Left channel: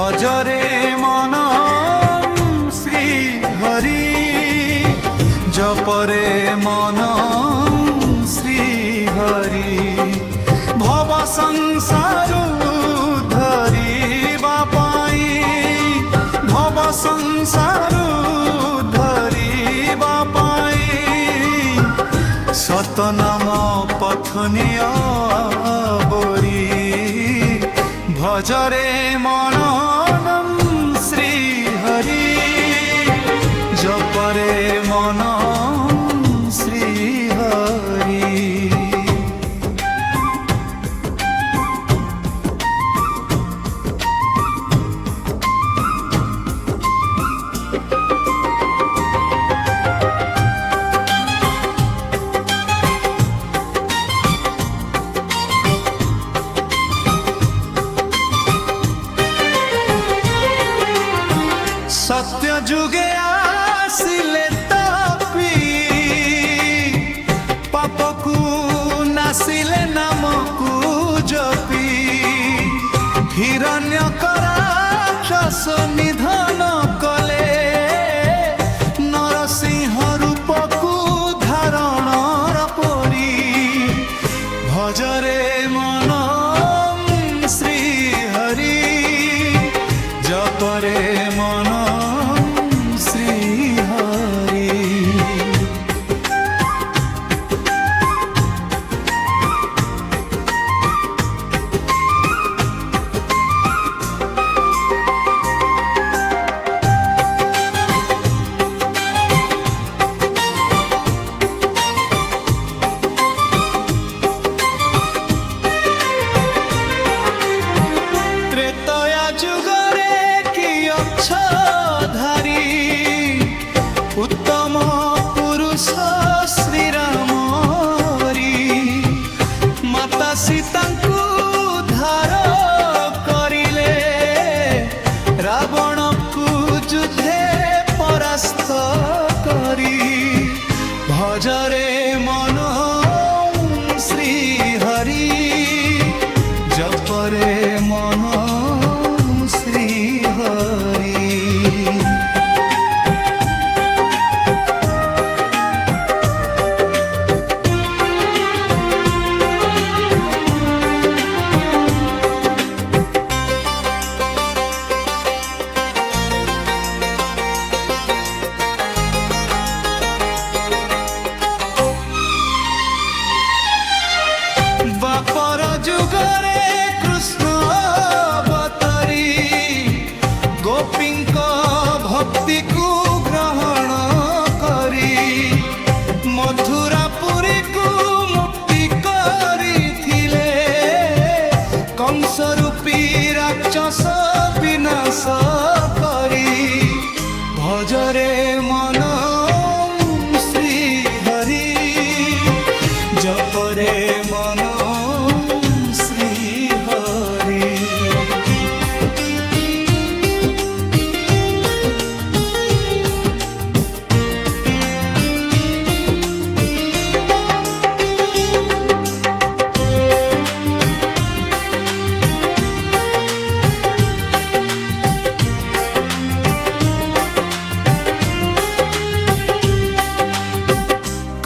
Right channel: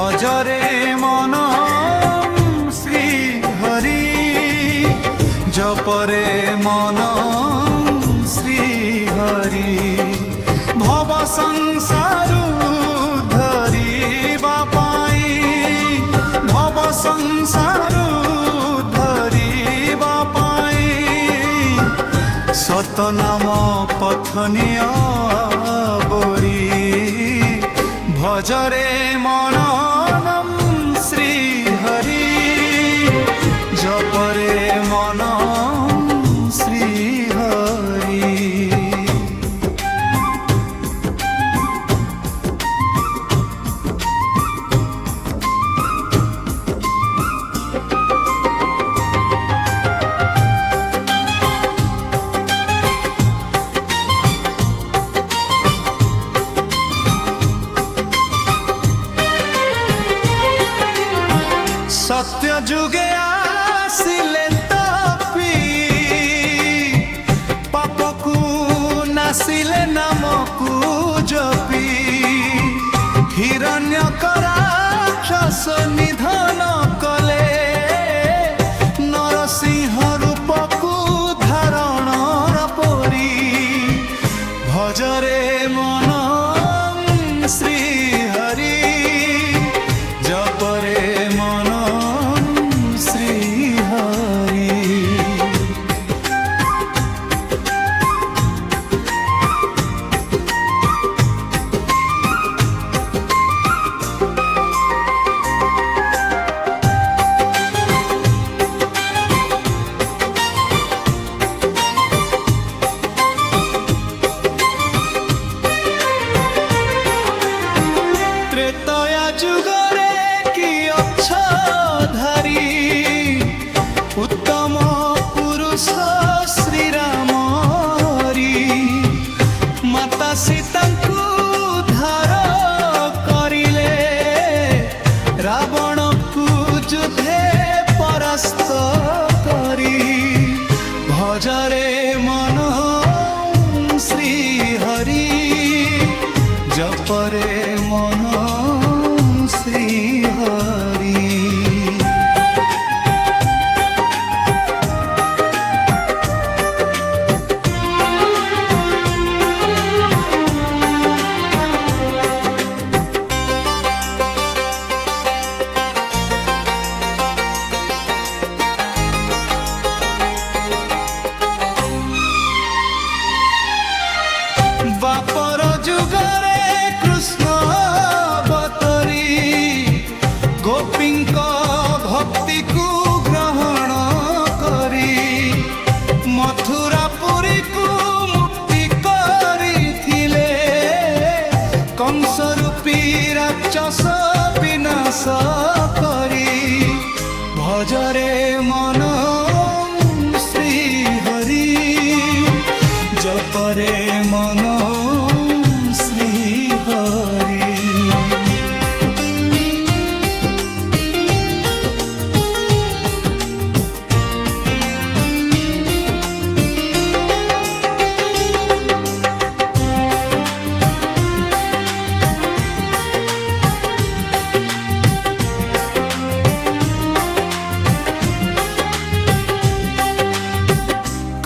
ভজরে মন শ্রী হরি, জপরে মন শ্রী হরি। ভব সংসার ধরিবা পাই, ভব সংসার ধরিবা পাই, সতনাম পথনীয় বরি। ভজরে মন শ্রী হরি, জপরে মন শ্রী হরি। সত্য যুগে আসিলে তপি, পাপকু নাসিলে নামকু জপি। হিরণ্যক রাক্ষস নিধন কলে, নরসিংহ রূপকু ধারণর পরি। ভজরে মন শ্রী হরি, জপরে মন শ্রী হরি। ত্রেতয়া যুগরে কি অক্ষধারী, উত্তম পুরুষ শ্রীরাম হরি। মাতা সীতাଙ୍କୁ ধার করিলে, রাবণକୁ যুদ্ধে পরাস্ত করি। ভজরে মন শ্রী হরি, জপরে মন শ্রী হরি। বাপর যুগরে কৃষ্ণ অবতরি, গোপীঙ্ক ভক্তিକୁ গ্রহণ করি। মথুরাপুরীକୁ মুক্তি করিଥିଲେ, কংস রূপী রাক্ষস বিনাশ করি। ভজরে মন শ্রী হরি, জপরে মন শ্রী হরি।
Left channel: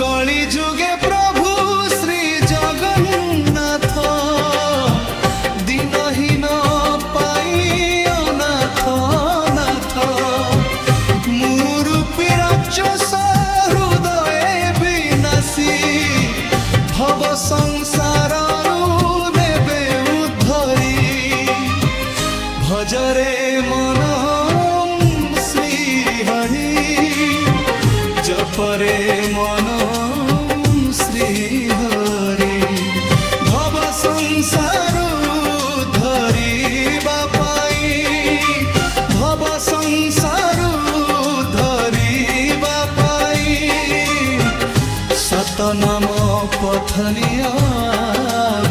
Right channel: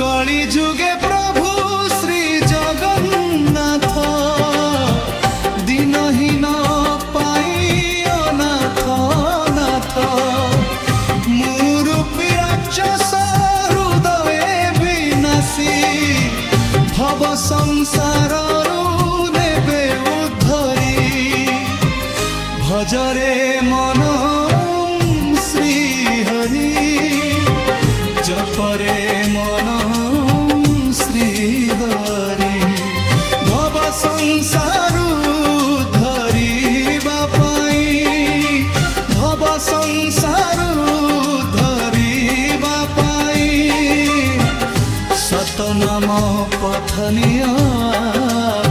কলি যুগে প্রভু শ্রী জগন্নাথ, দিনহীন পাই অনাথ নাথ। মুরূপী রাক্ষস হৃদয়ে বিনাশী, ভব সংসাররু নেবে উদ্ধরি। ভজরে মন শ্রী হরি, জপরে মন শ্রী হরি। ভব সংসারু ধরিবা পাই, ভব সংসারু ধরিবা পাই, সতনাম পথনীয়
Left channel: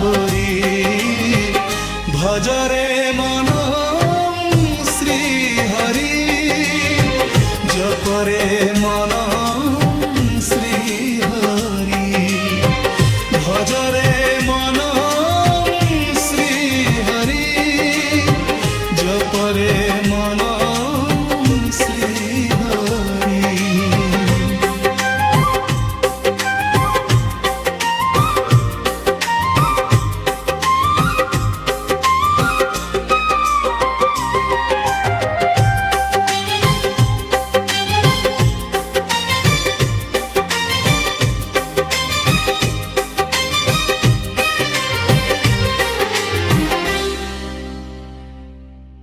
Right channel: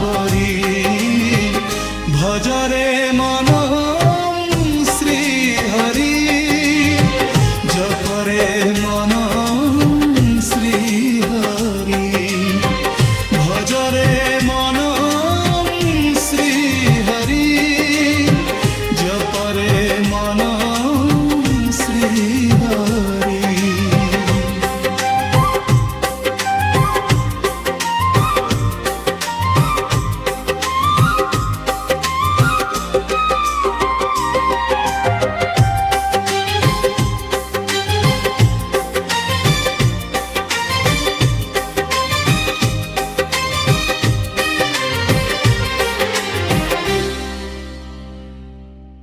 বরি। ভজরে মন শ্রী হরি, জপরে মন শ্রী হরি। ভজরে মন